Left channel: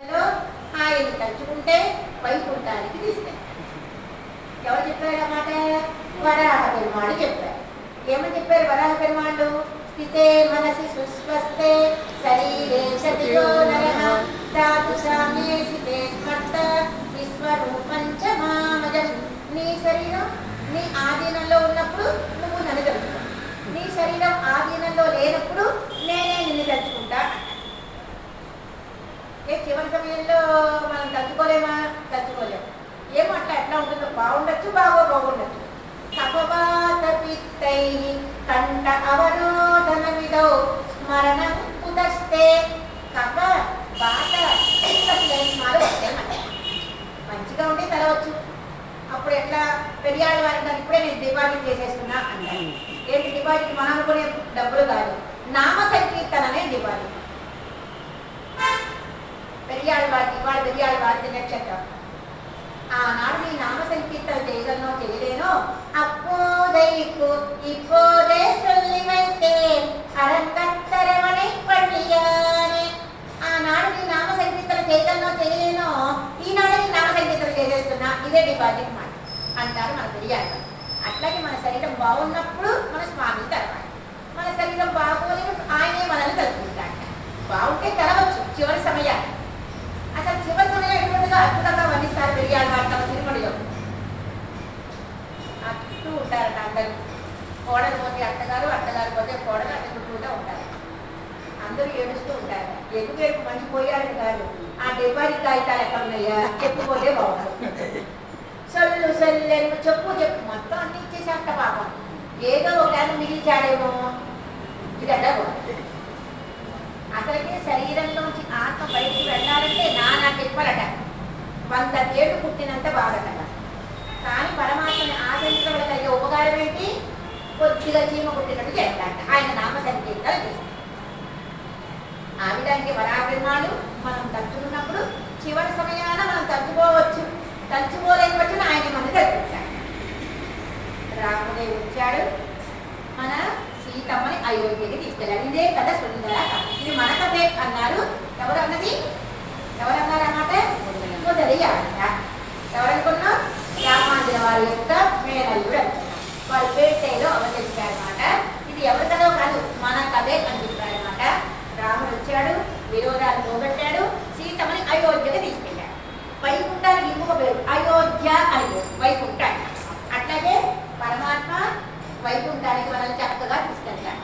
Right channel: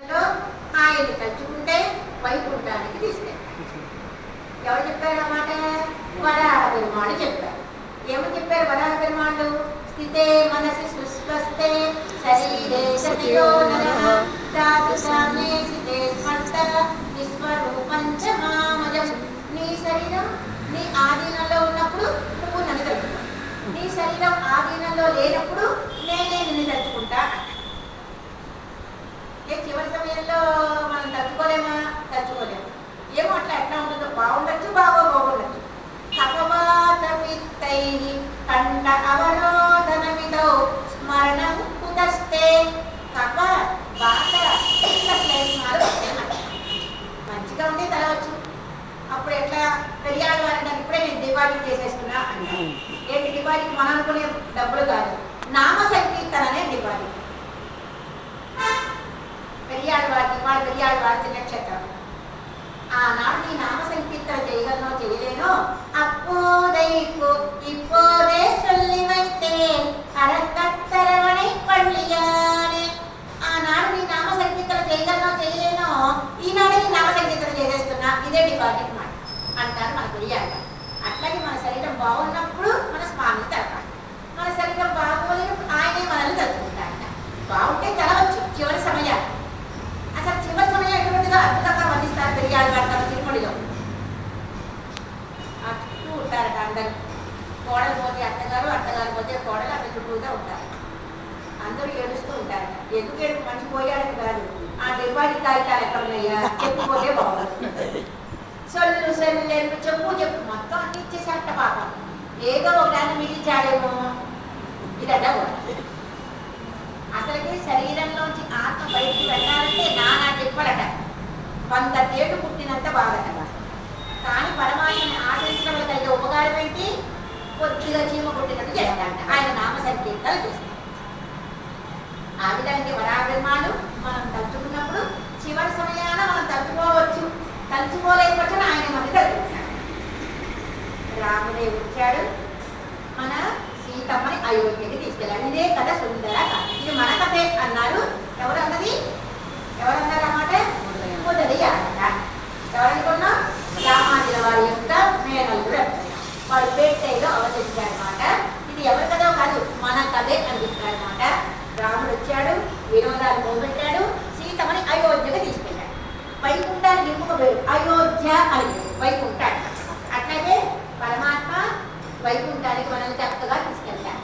ఆయన తలుచుకుంటే వైకుంఠానికి తీసుకెళ్ళారు. ఎవరు చెప్పారు అన్నమాట? వరాహ పెరుమాళ్ళు చెప్పారు. ఏమని చెప్పారు వరాహ పెరుమాళ్ళు? స్థితే మనసి సుస్వస్తే శరీరే సతియో నరః ధాతు సామ్యే స్థితే స్మర్త విశ్వరూపంచ మామజం. నీ శరీరం నీ ఆధీనంలో ఉన్నప్పుడు నువ్వు నన్ను తలుచుకో, నీ శరీరం ఆధీనంలో లేనప్పుడు నేనే నిన్ను తలుచుకుంటా. చివరి సమయంలో మనం తలుచుకోలేమా? తలుచుకోలేము. ఏమో అట్లా ఎట్లా ఉంటుందో, బాగుండొచ్చు బాగుండొచ్చు. కపవాత పిత్తై కంఠ అవరోధనమిదో స్మరణం కుదస్తే. కప వాత స్మరణ వస్తాయి. మంచిగా ఉంటే తలవచ్చు. అప్పుడు ఎట్లా పెరియాడు వారంటారు, ఇప్పుడే నేను డిపాజిట్ చేసేస్తున్నా అంటారు. ఏంటి డిపాజిట్? మనం అనుకునే డబ్బులు కాదు, నామ సంకీర్తననే డిపాజిట్. పెరియాడు వారి నక్షత్రం. ఆనాడు నీ నామ సంకీర్తన చేయగలనో చేయలేనో అప్పుదైకు ఇప్పుడే చొల్లి వైతే అరకత్తరమణి పళ్ళియానే. ఆనాడు నీ నామ సంకీర్తన చేయగలనో చేయలేనో ఈనాడు నీ నామ సంకీర్తన చేసేస్తున్నా, ఇదే డిపాజిట్ మాట అంటారు మన పెరియాడు. అట్లాగే మన శరీరం బాగున్నప్పుడు మన స్వామిని తలపాలి, మన శరీరం బాగోలేనప్పుడు ఆయనే మనల్ని తలుచుకుంటాడు. బాగుంటే తెలవచ్చు చివరి సమయాన్ని. అసలు చివరి సమయం ఎటువంటిదో అద్భుతంగా వర్ణిస్తారు పెరిగాడు వారు తమ తిరుమడిలో. చుట్టూ ఉంటారట అందరూ. కోడలు పోతే అత్తగారు పోతే కోడలు అట్లా చుట్టూతో ఉంటారు. అందరూ ఏడుస్తూ ఉంటారు. ఎందుకు ఏడుపు? మంచి పోయాడని కాదు, ఆ దెబ్బడి కాగితాలు ఎక్కడ ఉన్నాయా చెప్పుకోతే బాగుంది. సొల్లు చెప్పు మొత్తం అన్ని ఇచ్చేసేట పాపం. ఏదో ఒకదాన్ని మిగిల్చాడేమో ఇదట. అసలుకి శరీరంలోంచి ఆత్మ బయటికి వెళ్ళాలంటే నానా తిప్పలట, 100 తేళ్లు పుట్టినంత బాధట. కానీ పరమాత్మని ఆచరించడం వల్ల కలిగే ఉపకారం ఏంటి? కొద్దిగా చీమ కొట్టినట్టు చేస్తాడట. ఆయన నామ సంకీర్తన చేస్తాడు. ఆ విధంగా వరాహ పెరుమాళ్ళు మనం తలుచుకున్నప్పుడు చివరి సమయాన మనం తలుచుకోవచ్చు, తలుచుకోలేకపోతే ఆయన మనం తలుచుకుంటాడు. రాముడే వచ్చాడు, మన సీతమ్మని అయోధ్యకి తీసుకెళ్ళాడు. ఇదే కథ సుందర కథ. ఇది మన కథే అన్నారు. ఎవరన్నది? ఎవరన్నారన్నమాట? మొదలయ్యాట. ఎవరనుకున్నా? రామాంజన వారి యొక్క మేనల్లుడు. వాడు పేటేలో అవతరించారన్నమాట. ఇది ఎవరి కథో కాదు, మన కథే అని చెప్పారన్నమాట. రాముడు వచ్చాడు, విరోధాలు పోగొట్టాడు, సీతమ్మని అయోధ్యకి తీసుకెళ్ళాడు. వైకుంఠానికి ఇంకొక పేరు అయోధ్య అని, వైకుంఠ. అట్లాగే పరమాత్మ వైకుంఠానికి మనం చక్కగా తీసుకెళ్తాడు.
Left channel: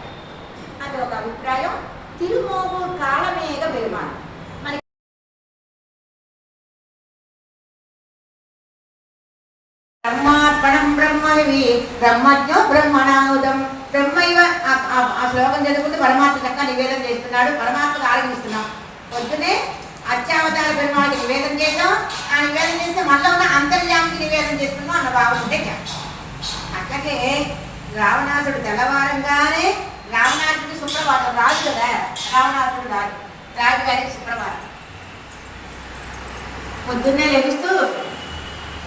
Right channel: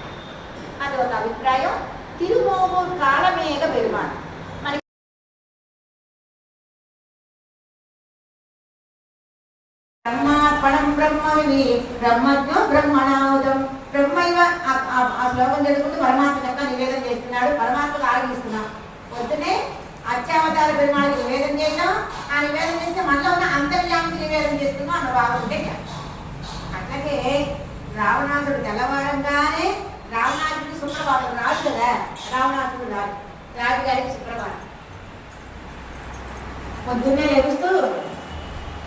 అది ఒక అభిప్రాయం. తిరుమోగు కాళమేఘ పెరుమాళ్ మనకి బ్రహ్మార్పణం బ్రహ్మవి బ్రహ్మజ్ఞో బ్రహ్మణాముదం బ్రహ్మైవ. ఆ శ్లోకం చదువుకుంటే పరమాత్మ చక్కగా నివేదన చేస్తున్నాడు, పరమాత్మకు ఆరంభిస్తున్నాం. పొద్దునే అత్యావతార పెరుమాళకి నివేదన చేద్దాం. ఆ నివేదన చేస్తే మనలో ఉన్న అంతర్యామికి నివేదన చేస్తున్నాం అన్న భావం ఉంటే చాలు. అట్లాగే రావణాసుడు తెల్లవారంగానే, రావణాసుడు సుప్రభాతం రాజు కదా, రావణాసుడు రాజుగారికి సుప్రభాతం. పొద్దున్నే లభిస్తూ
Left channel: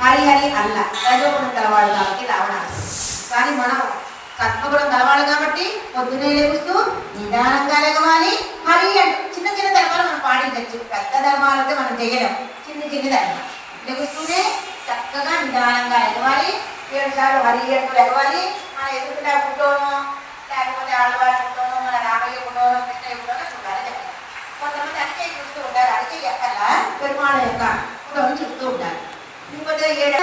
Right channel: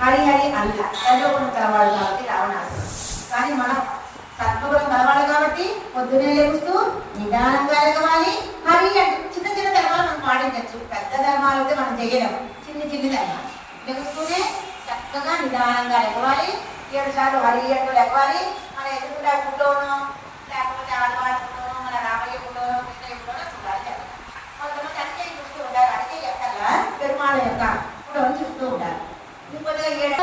హరి అల్ల రజోగుణం కలవాడు కాబట్టి రావణాసుడు. కానీ మనం సత్వగుణం కలవాలి కాబట్టి పొద్దున్నే లభిస్తూ నిదానంగా లెగవాలి. హరి అంటూ చిన్న ధర్మాలు మనం పాటించవచ్చు. పెద్ద ధర్మాలు అయితే మనం చేయలేం. చిన్న ధర్మాలు లెగుస్తూనే చక్కగా నిదానంగా లెగవాలి. 7 సార్లు హరి అంటూ లెగవాలి. మన ఎదుగుతా ఫోటోనో లేకపోతే ఆడవారి ఫోటోనో మన రామయ్య ఫోటోనో కృష్ణయ్య ఫోటోనో చూడాలి. కొంతమంది అడిగే చూస్తూ ఉంటారు. అడిగే ఎక్కల పెరుమాళ యొక్క ఫోటోను చూస్తూ ఉంటారు. ఇంకొక 7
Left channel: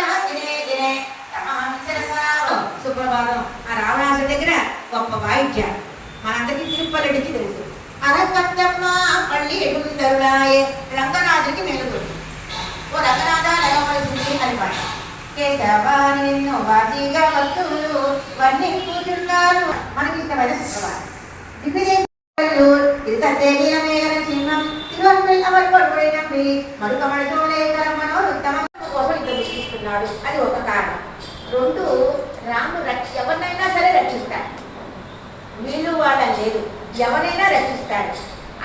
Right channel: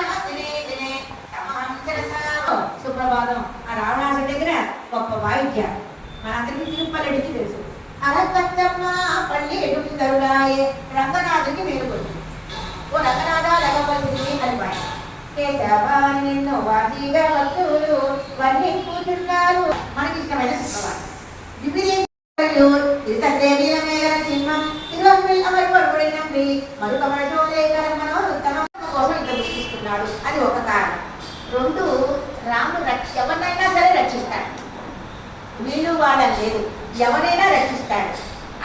సుప్రభాతం. ఆ రావణాసుడి దగ్గర గొప్ప వాయిద్యం మనందరికీ తిరుపతికి తెలుసు. అరకత్తమ్మ పల్లి ఎడుగుదరుడాయే రంగనాథుడికి మేలుకొంది. ఓ రంగనాథ లగవలసింది అని పాట. కేశవాని నిన్ను వాదిగా వస్తువులు వర్ణించుతున్నారు. మనకి ఇష్టమైన శుక్రవారం. కోసం ఇద్దరు గుర్తిస్తున్నాడు. అది ఒక కారణం. 2, రాముడు ఎవరినైనా సరే రక్షిస్తాడు. వీళ్ళు వాళ్ళని లేదు, ఎవరైనా రక్షిస్తాడు.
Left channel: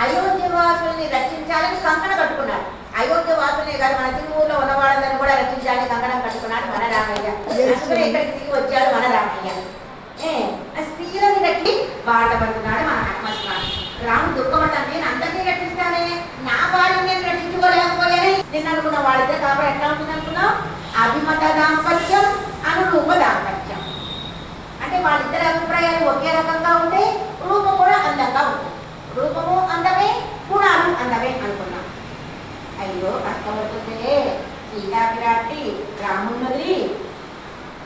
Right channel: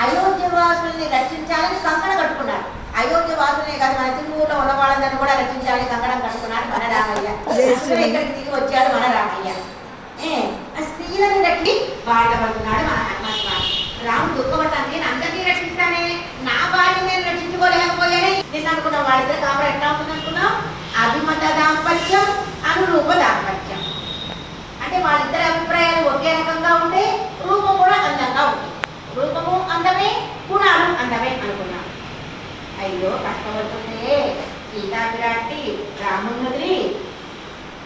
అయోధ్య వాసుల్ని రక్షించాలని కంకణ కట్టుకున్నాడు. అయోధ్య వాసులే కాదు, మన తిరుమూరులో ఉన్న వాళ్ళని కూడా రక్షించాలని కంకణం కట్టుకున్నాడు మన రామయ్య. ఇక్కడికి దిగి వచ్చాడు మన రామయ్య. స్త్రీలని రక్షి బాధపడుతున్నాడు మన ఆత్మస్వామి. రాముడు దుఃఖపడతాను, నేను అందరినీ రక్షిస్తానే, నా భార్య నేను రక్షించుకోలేక నిన్న అనుకున్నాం వాళ్ళిద్దరు కాపురం ఎట్లా ఉంటుంది అనుకున్నాం, అభిమత దాంపత్యం, అనురూప దాంపత్యం. అంటే వాళ్ళిద్దరి అభిప్రాయాలు ఒకే రకంగా ఉంటే రూపం కూడా అందంగా ఉంటుంది. రూపము అందమే, గుణాలు అందమే అనుకున్నాం. అయ్యో కష్టపడుతుంటే సీతాపిరాటి రాముని వదిలి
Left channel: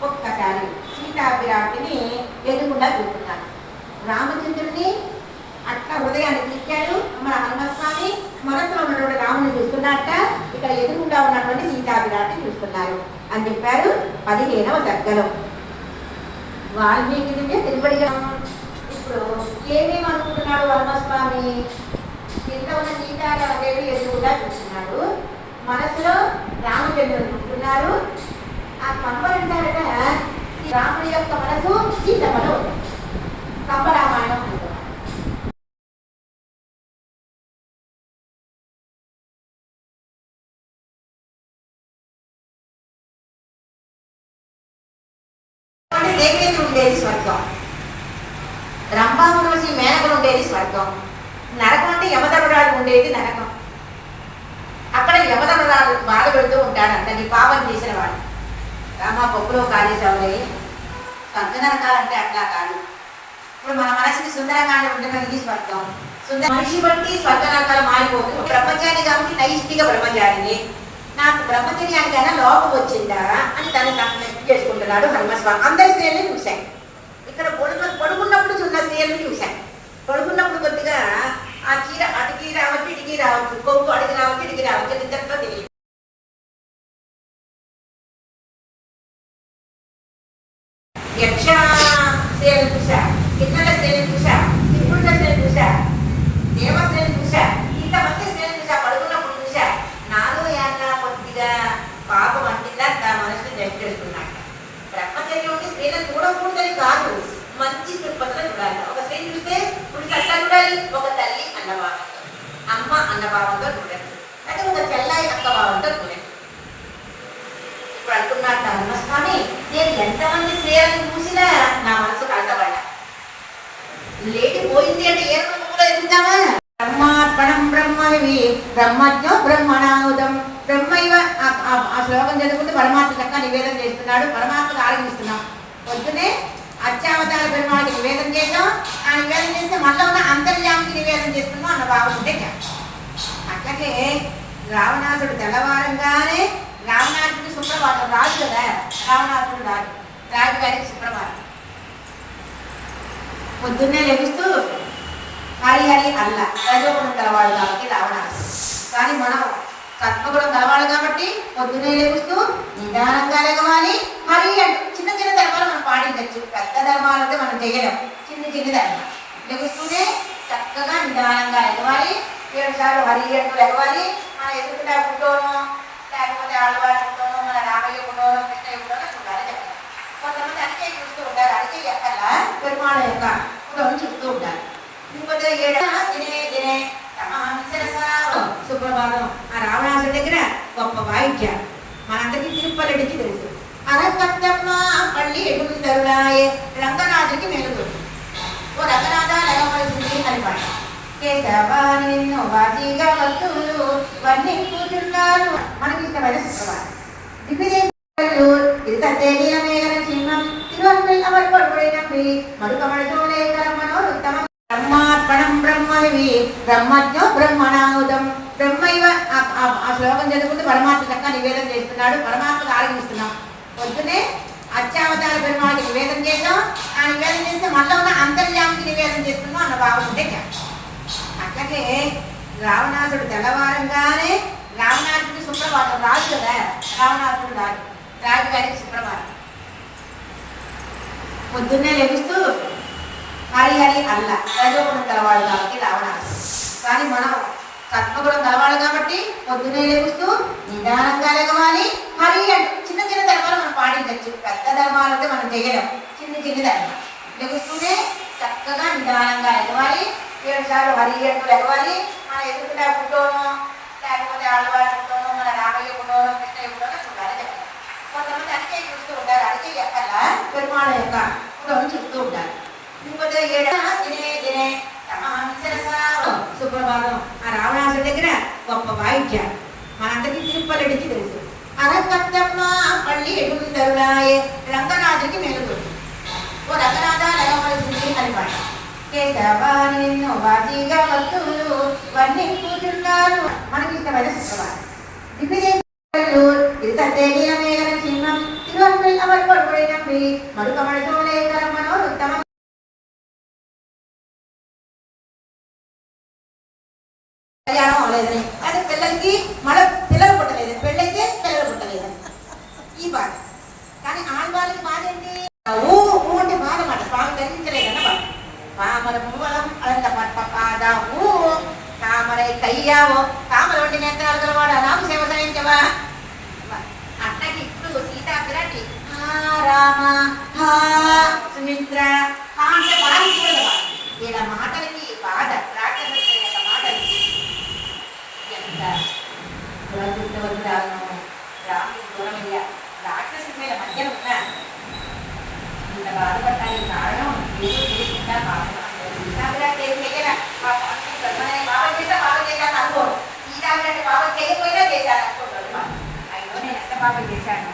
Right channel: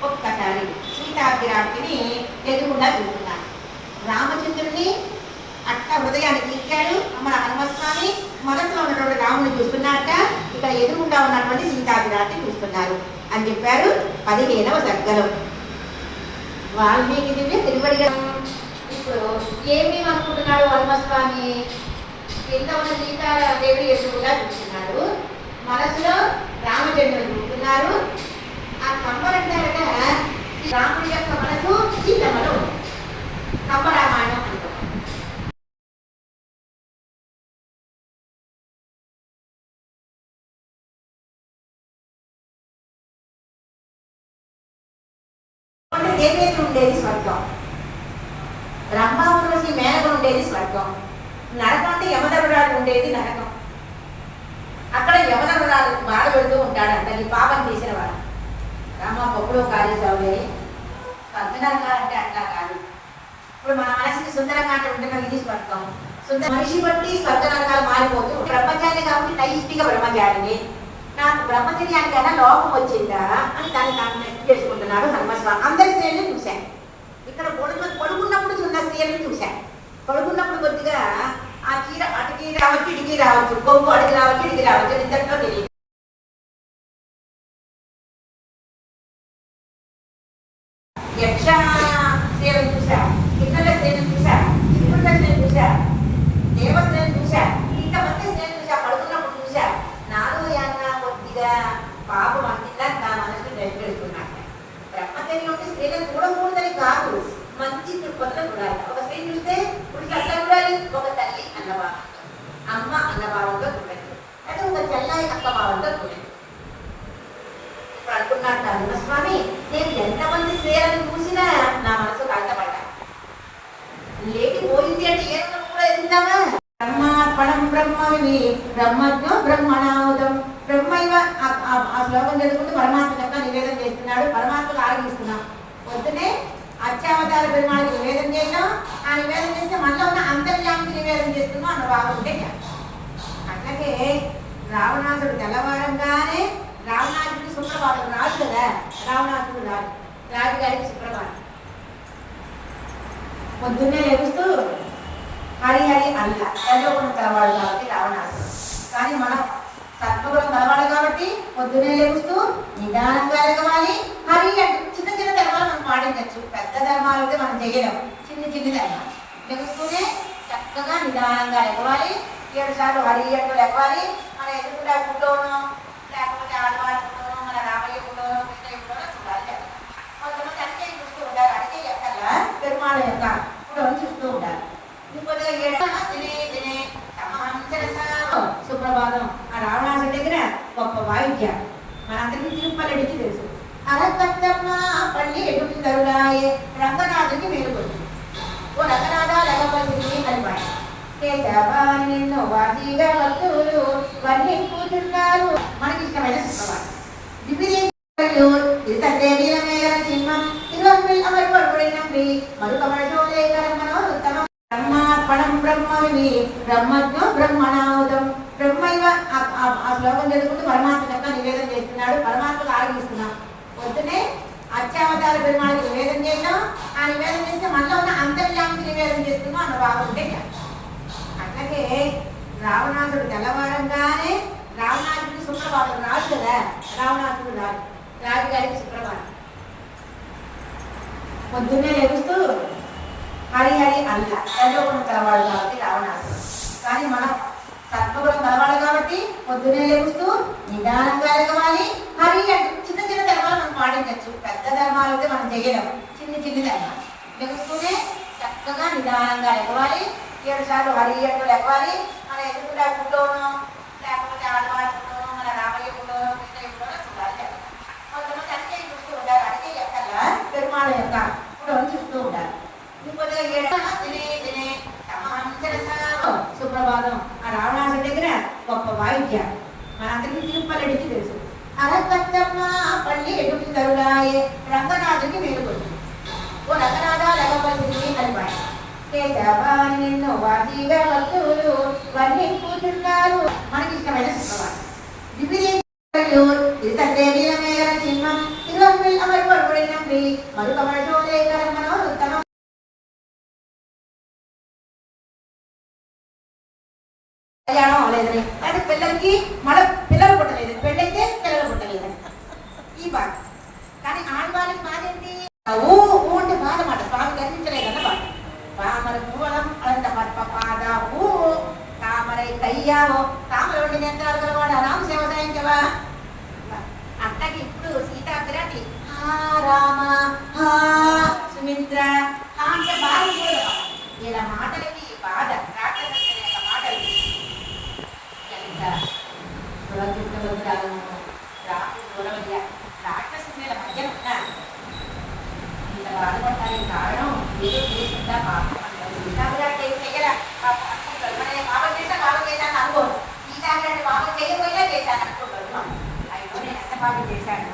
ఒక్కసారి సీతాపిరాటిని ఎదురుగా చూస్తున్నాడు. రామచంద్రుడిని అట్లా హృదయానికి ఇచ్చాడు మన హనుమస్వామి. మనసులో ఉన్నటువంటి రాముని చూస్తున్నాక ఇక్కడ ఎదురుకుండా ఉన్నటువంటి సీతాపిరాటిని చూస్తున్నారు అని చెప్పారు 15వ సర్గలో. వాల్మీకి తిరుపడిగా ఇప్పుడు ఏమేమి అనుకుంటున్నాడు హనుమస్వామి, కింద ఉన్న సీతాదేవి ఎదురుగా చూస్తున్నాడు, మనసులో రామచంద్రుడు చూస్తున్నారు. ఆ కంబలంటారట రాముడి యొక్క మనసు సీతమ్మలో కంబరామాయణం అనుకున్నారు. దేవేంద్రుడు ఉండేది స్వర్గం, రంభామరోసి మేనకుడు ఉండేది స్వర్గం, నరకం అంటే యమధర్మరాజు ఉండేది నరకం. అక్కడ యమధర్మరాజు బాధ పెడుతూ ఉంటాడు అందరినీ, పాపం చేసిన వాడు. రామ పప్పులో కాళేశావులే, స్వర్గ నరకాలంటే అట్లా కాదు. ఇప్పుడు మన మనసుని సుందరంగా ఉంటున్న ఇది స్వర్గం. మనిషి బట్టి స్వర్గ నరకాలు మారిపోతుంది. బ్రహ్మచారి కాబట్టి నైష్టిక బ్రహ్మచారిని, నాకు బ్రహ్మచర్యానికైనా లోపం వచ్చిందా అని దాన్ని తను నెక్స్ట్ చేసుకుంటున్నాడు హనుమస్వామి. అందరి స్త్రీలను చూశాను, ఇక్కడ పడుకున్నప్పుడు ఉన్న స్త్రీలను చూశాను. పడుకున్నప్పుడు కొద్దిగా ఆ చీర అటుకి రావచ్చు, ఇడికి రావచ్చు, కొవ్వు అడిగి రావచ్చు, ఇడికి రావచ్చు, ఇద్దరితో తెలియదు. యక్ష స్త్రీలను చూశా, కిన్నెల స్త్రీలను చూశా, త్రిపురుష స్త్రీలను చూశా, దేవ స్త్రీలను చూశా, ఇంతమంది స్త్రీలను చూశా. పడుకున్నప్పుడు చూశా. నాలో యాత్ర కొద్దిగా పాపం అంటిందా నా మనసుని దయచేస్తున్నాడు. బ్రహ్మచర్యం స్త్రీలను చూడకూడదని కాదు, మంచి దృక్పథంలో చూడాలి. ఒక స్త్రీని చూస్తే పురుషులు అట్లా చూడాలి, ఒక తల్లి అన్నభావం, అమ్మ అన్నభావంతో చూడండి, అంటే ఒక చెల్లాయి అక్క భావంతో చూడండి. ఇప్పుడు అంటున్నాడు హనుమస్వామి, నేను ఎంతమంది స్త్రీలను చూసినా నా మనసు కలతపడ్డా. లేకపోయింది అంటే ఏ కూడా ఎదుగుతావా? బ్రహ్మార్పణం బ్రహ్మవి బ్రహ్మజ్ఞో బ్రహ్మణాముదం బ్రహ్మైవ. ఆ శ్లోకం చదువుకుంటే పరమాత్మ చక్కగా నివేదన చేస్తున్నాడు, పరమాత్మకు ఆరాధిస్తున్నాం. పొద్దునే అత్యావతార పెరుమాళకి నివేదన చేసాం, ఆ నివేదన చేస్తే మనలో ఉన్న అంతర్యామికి నివేదన చేస్తున్నాం అన్న భావం ఉంటే అట్లాగే రావణాసుడు తెల్లవారంగానే, రావణాసుడు సుప్రభాతం రాజు కదా, రావణాసుడు రాజు గారికి సుప్రభాతం. పొద్దున్నే లభిస్తూ హరి హరి అల్ల రజోగుణం కలవాడు కాబట్టి రావణాసుడు. కానీ మనం సత్వగుణం కలవాడు కాబట్టి పొద్దునే లభిస్తూ నిదానంగా లెగవాలి. హరి అంటే చిన్న చిన్న ధర్మాలు మనం పాటించవచ్చు, పెద్ద ధర్మాలు అయితే మనం చేయలేం. చిన్న చిన్న ధర్మాలు లెగుస్తూనే చక్కగా నిదానంగా లెగవాలి. 7 సార్లు హరి అంటూ లెగవాలి. మన ఎదుగుతా ఫోటోను, లేకపోతే ఆడవారి ఫోటోను, మన రామయ్య ఫోటోను, కృష్ణయ్య ఫోటోను చూడాలి చెప్పాలి. కొంతమంది అడిగే చూస్తూ ఉంటారు, అడిగే ఎక్కల్లా పెరుమాళ యొక్క ఫోటోను చూస్తూ ఉంటారు. ఇంకొక 7 దినే సుప్రభాతం. ఆ రావణాసుడి దగ్గర గొప్ప వాయిద్యం మనందరికీ తిరుపతికి తెలుసు. అరకట్టమ్మ పల్లి ఎడుదరుడాయే రంగనాథుడికి మేలుతుంది. ఓ రంగనాథ లగపలిసింది అని పాట. కేశవాని నిన్ను వాజీగా భక్తులు వన్నీ కూర్చున్నారు. మనకి ఇష్టమైన సుప్రభాతం. వివిధేశాలు సింహం తిరువల్లి మరుకమడచోలేకరమణో ఉత్తమ బ్రహ్మార్పణం బ్రహ్మవి బ్రహ్మజ్ఞో బ్రహ్మణాముదం బ్రహ్మైవ. ఆ శ్లోకం చదువుకుంటే పరమాత్మ చక్కగా నివేదన చేస్తున్నాడు, పరమాత్మకు ఆరాధిస్తున్నాం. పొద్దునే అత్యావతార పెరుమాళకి నివేదన చేసాం, ఆ నివేదన చేస్తే మనలో ఉన్న అంతర్యామికి నివేదన చేస్తున్నాం అన్న భావం ఉంటే అట్లాగే రావణాసుడు తెల్లవారంగానే, రావణాసుడు సుప్రభాతం రాజు కదా, రావణాసుడు రాజు గారికి సుప్రభాతం. పొద్దున్నే లభిస్తూ హరి హరి అల్ల రజోగుణం కలవాడు కాబట్టి రావణాసుడు. కానీ మనం సత్వగుణం కలవాడు కాబట్టి పొద్దునే లభిస్తూ నిదానంగా లెగవాలి. హరి అంటే చిన్న చిన్న ధర్మాలు మనం పాటించవచ్చు, పెద్ద ధర్మాలు అయితే మనం చేయలేం. చిన్న చిన్న ధర్మాలు లెగుస్తూనే చక్కగా నిదానంగా లెగవాలి. 7 సార్లు హరి అంటూ లెగవాలి. మన ఎదుగుతా ఫోటోను, లేకపోతే ఆడవారి ఫోటోను, మన రామయ్య ఫోటోను, కృష్ణయ్య ఫోటోను చూడాలి చెప్పాలి. కొంతమంది అడిగే చూస్తూ ఉంటారు, అడిగే ఎక్కల్లా పెరుమాళ యొక్క ఫోటోను చూస్తూ ఉంటారు. ఇంకొక 7 దినే సుప్రభాతం. ఆ రావణాసుడి దగ్గర గొప్ప వాయిద్యం మనందరికీ తిప్పలడికి తెలుసు. అరకత్తమ్మ పళ్ళి ఎడుందరుడాయే రంగనాథుడికి మేలుకొంది. ఓ రంగనాథ లగవలసింది అని పాట. కేశవాని నిన్ను వాజీగా భక్తులు వర్ణించుతున్నారు. మనకి ఇష్టమైన శుక్రవారం సింహం మరొక మనసులే కర్మలో ఉత్తమ కళ్యాణం అవ్వలేదని, అంటే పిల్లలకి మళ్ళీ పిల్లలు పుట్టలేదు, పెళ్ళైతే పిల్లలు పుట్టలేదని ఈ బాధ. కానీ ఆడవాళ్ళకి బాధ ఏంటి? ఊ ఊ అంటే బాధ మాట. స్వామి దర్శించలేదన్న బాధ. పామర మూలం అనంత పాద ఊ కామరై కయ్యావో కామర వంటి నేత్రాలు గలవాడు రాము సేవ సాయించవా. అట్టకి ఇప్పుడు సీతాగ్రటి రామ హా సుమిత్ర అంటే బాధ కూడా ఇలా మాటలకి బాధ రాక్షస మాటలు ఎంత దురదృష్టవంతురాలను రాక్షసు దూరమయ్యా. రాక్షసు మీద మధ్యన ఉన్నా ఇంత బాధపడటానికి కారణం ఏదో తెలిసిందా పాపం. సీతాగ్రటి ఏం చెయ్యరా పాపం చేస్తా పాపం చేశాను అనుకోడు. సీతాగ్రటి పాపం చేయకపోయినా చేశాను అనుకోడు. అయినా నేను ఎంత పాపం చేశాను.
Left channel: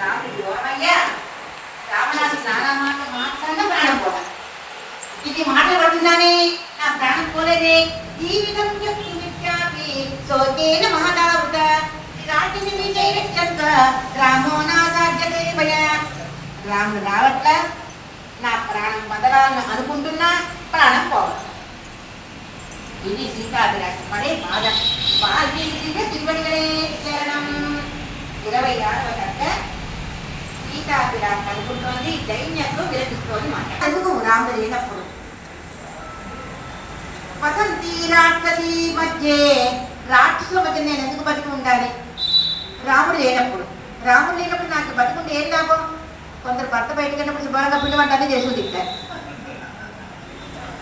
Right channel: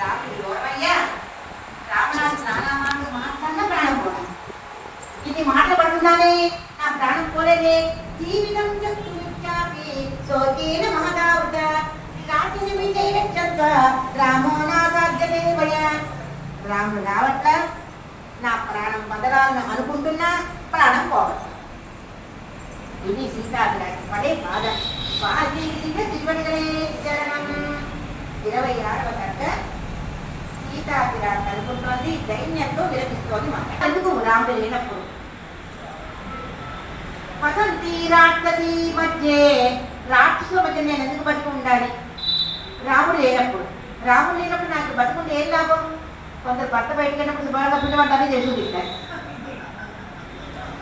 రాముడికి దూరమయ్యా. రావణానికి స్నానామాటలు మాట్లాడినా ప్రాణం పోవాలి. ఇది మాటలు పడుతుందానే నా ప్రాణం పోలేదే. జీవితం చెప్తున్నవి సోకేన మహదావృత రాటిని విజయరక్షక రామో నా సాధ్యతే భయ. రాముడు రావట్ల నా ప్రాణం బదలాలను అనుకుంటున్నా ప్రాణం పోవాలి. ఇది సీతాభిలాషి పడే బాధ. వాల్మీకి తిరువడిగడే చరణం 26వ కథ. సీతాభిలాషి అనుకుంటోంది, దైన్యంతో విలపిస్తోంది మాట. అందుకు రాముడు లేనప్పుడు వసంతి రాక్షసి మధ్యే రాక్షసుల మధ్య నేను ఎందుకు బతికి ఉండాలి? రాముడు లేనప్పుడు. రాముడు లేనప్పుడు నాకు బతికుంటే ఏం లాభం? కొందరు భర్త బయటకు వెళ్ళినప్పుడు శుభ్రంగా పిండి వంట అన్నీ చేసి తింటారు.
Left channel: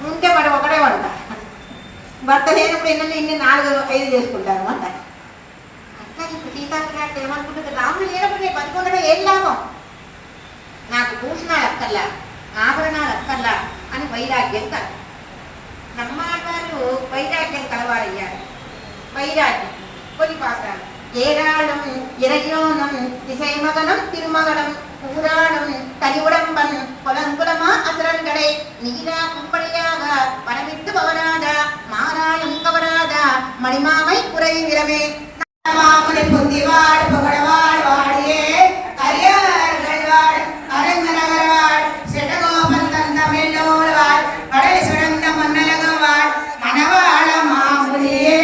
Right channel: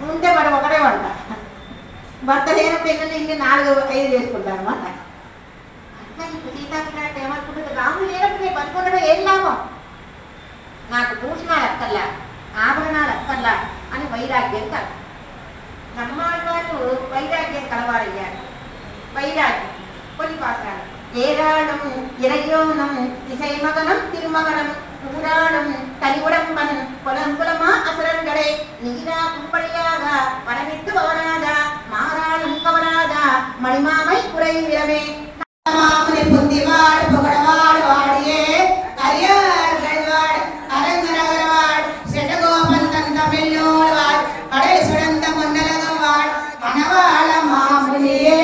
ఉంటే వాడు ఒకటే వంట. భర్త లేనప్పుడు ఇన్ని 4-5 చేసుకుంటారు అనమాట. అట్లా ఇప్పుడు సీతాభిలాషి ఏమనుకుంటుంది? రాముడు లేనప్పుడు నేను బతికుండడం ఏం లాభం? నాకు భూషణాలు అక్కర్లా, ఆభరణాలు అక్కర్లా అని వైరాగ్యం కల. నమ్మాడు వాళ్ళు వైరాగ్యం కలవారయ్యారు. వైరాగ్యం కొన్ని పాసాలు. ఏరాళం ఇరయోనం దిశైమగనం తిరుమగనం ఊరాళం తలివుడంబన్ పొలంకులమా అసరంగడే నీరా కుంపడియాగా పరమిట్టు పవరాదా మారాళం కవరాదా మణిమామై కురై విరమే మామని పొందివాడు పొగడవాడు వాడియే హరియాడు అరంగనగరవాడు శటగోపంతం తమిళోడవాడు కడలి సుడంత మన్నలగవాడు మనవాళ మాములియే